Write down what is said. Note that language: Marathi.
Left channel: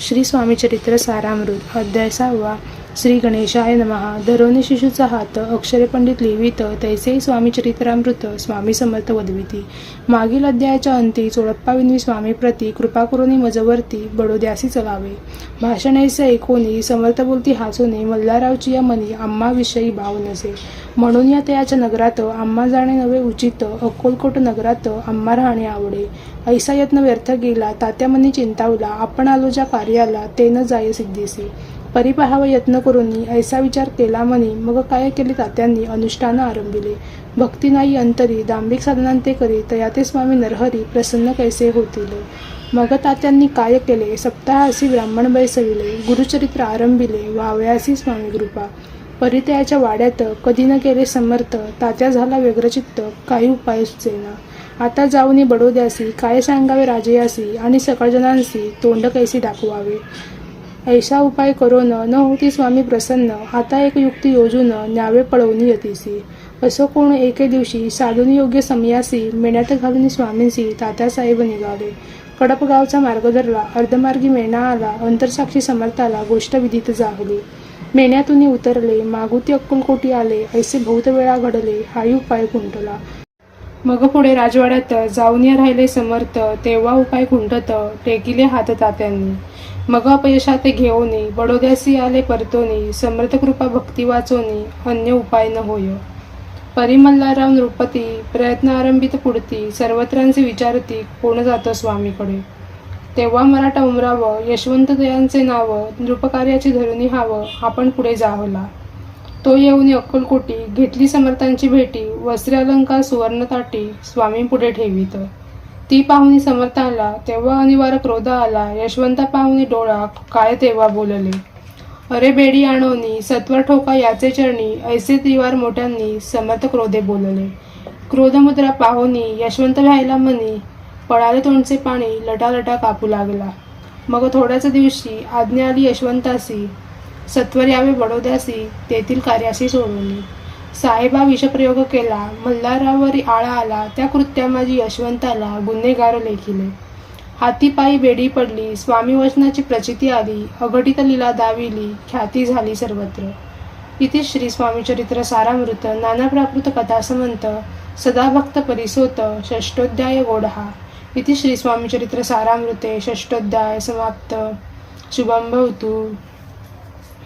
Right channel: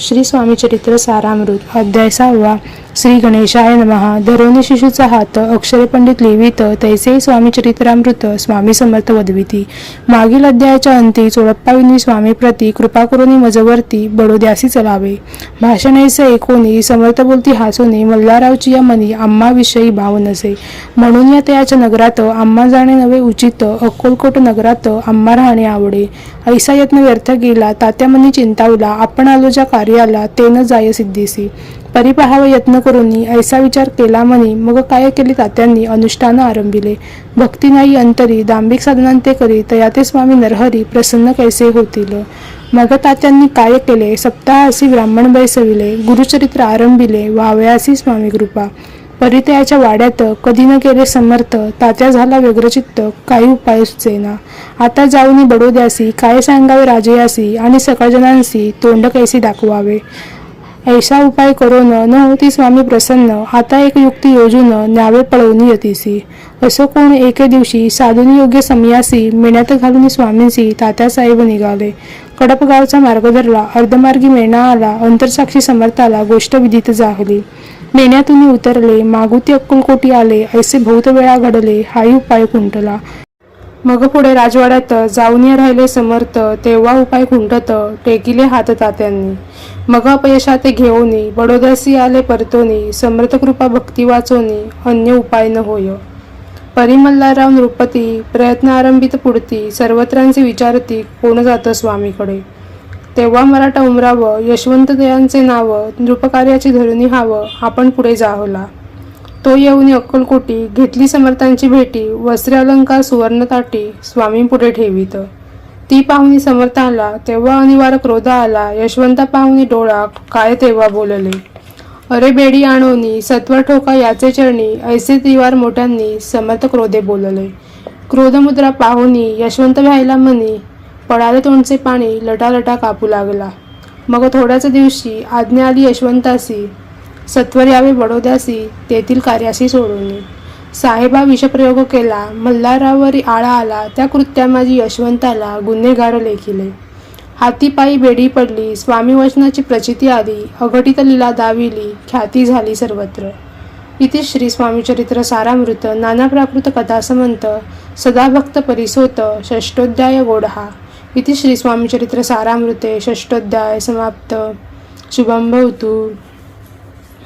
श्री स्वामी चरित्र सारामृत अध्याय सहावा. श्री गणेशाय नमहा धरोनी शिशूचा हात अक्षरे पंडित लिहित तैसे स्वामी चरित्रामृत स्वामी समर्थ वदविती. मागील अध्यायाच्या अंती चोळप्पाविनी स्वामी प्रती कृपा करुनी मजवरती बडोद्यासी चलावे. भाषण एकोणी ऐकोनी समर्थ बोलती हासोनी मल्हारावची या मनी आम्हाविषयी भाव नसे. म्हणून या तयाच्या नगरात आम्हा जाणे नवे उचित अक्कलकोट नगरात आम्हा राहणे आवडे. ऐसा यत्न व्यर्थ गेला तात्या मनी चिंतावला आपण आलो ज्या कार्याला ते न जाय सिद्धीसी. परी यत्न करूनी ऐसा विचार केला म्हणे. मग काय केले तात्यांनी? अनुष्ठान आरंभिले. भक्ती नाही अंतरी दांभिक साधनांते करी तया ते स्वामी नरहरी प्रसन्न कैसे होतील? मग तात्यांनी काय केले? सप्ताहासी ब्राह्मण बैसविले गुरुचरित्र आरंभिले व्हावयासी स्वामी कृपा. परितयाच्या वाड्यात कधी न केले समर्थ तात्या झाला व्यग्रचित्त काही उपाय सुचेना. आता जाऊनी बडोद्यासी काय सांगावे राजयासी आणि सकळजनांसी तोंड कैसी दाखवावे? ऐसा उपाय करो न होती स्वामी प्रसन्न. आता एक युक्ती योजून न्यावे पळवून यतीसी. असं कोण एके दिवशी साधून योग्य समयासी मेण्यात घालून स्वामींसी तात्यासाहेब निघाले. कडपगावचा मार्ग धरला अर्धमार्गी मेणा आला अंतरसाक्षी समर्थाला गोष्ट विधित जाहली. मेण्यातून उतरले मागुती अक्कलकोटी आले ऐसे बहुत वेळा घडले हाही उपाय कुंटला मग पुढे राजवाड्यात जाऊन या राहिले समर्थ तेव्हा उपाय खुंटत टेकिले हात तात्यांनी. मग अपयशात घेऊनी बडोदासी आले परतोनी समर्थ कृपा भक्ती वाचोनी अन्य उपाय न होय. परिमल्लाराव नृपती प्रयत्न आरंभित पुढती सर्वत्रांचे विचारती कोण जातं स्वामीकडे? तेव्हा मराठा उमरावं यशवंत दयांचे नाव नृपकार्याची धरुणी हावं आपण पुढे जाहला तो येऊन अक्कलकोटी घेतली समर्थांची भेटी वस्त्र अलंकार सुवर्णताटी स्वामी पुढे ठेवीत. ती पाहुणी समर्थ आला तेव्हा अनिवार्य क्रोध आला यशवंता पाहुणी डोळा काय तेव्हा बोलले? अरे बेडी आणोनी सत्वर ठोका याचे चरणी ऐसे तिवार मोठ्यांनी समर्थ क्रोधे बोलले. क्रोधमुद्रा पाहुनी यशवंत व्हायला म्हणी पळाले तोंडचे पाणी लटालटा कापू लागला. मग थोड्याच दिवशी आज्ञा आली यशवंतासी सत्वर यावे बडोद्यासी तेथील कार्यासी सोडवली. साहेबा विषप्रयोग केला मल्हारावरी आळा आला त्या कृत्या माझी यशवंताला गुन्हेगार लेखिले. हातीपायी बेडी पडली स्वामी वचनाची प्रचिती आली अघटित लीला दाविली ख्याती झाली सर्वत्र. इति श्री स्वामीचरित्र सारामृत नाना प्राकृत कथा समंत सदा भक्त परिसोत षष्टोध्याय गोडहा. इति श्री स्वामीचरित्र सारामृते षष्टोध्याय समाप्त. शुभम भवतु.